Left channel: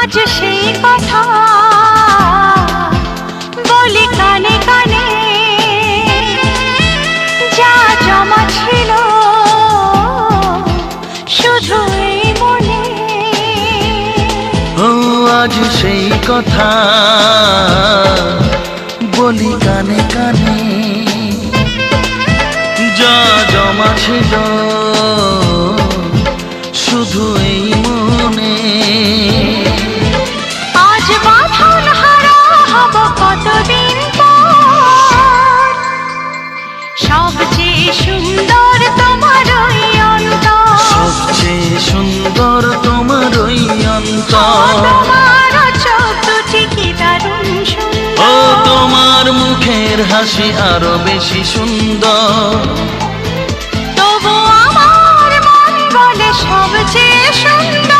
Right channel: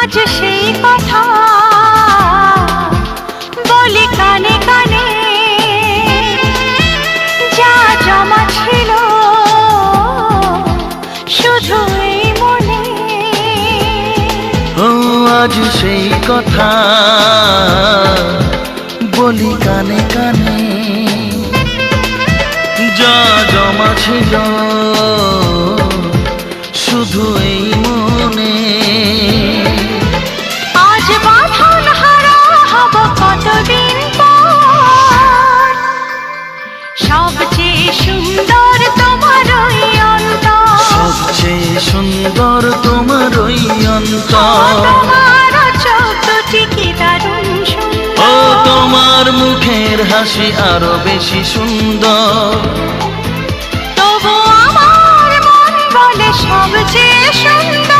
আজ সেই কথা বলি কানে কানে, যা জমা ছিল শুধু এই মনে। ও আজ সেই কথা বলি কানে কানে, যা জমা ছিল শুধু এই মনে। আজ বাঁধন হারা হব কতদিন পর, সবচেয়ে সুন্দর তোমার ওই অন্তর, সবচেয়ে সুন্দর তোমার ওই অন্তর। তোমার চোখ দুটি কি দারুণ সুন্দর, ও তোমার মুখের হাসি আরো বেশি সুন্দর। তবু আমার মন বলে সবচেয়ে সুন্দর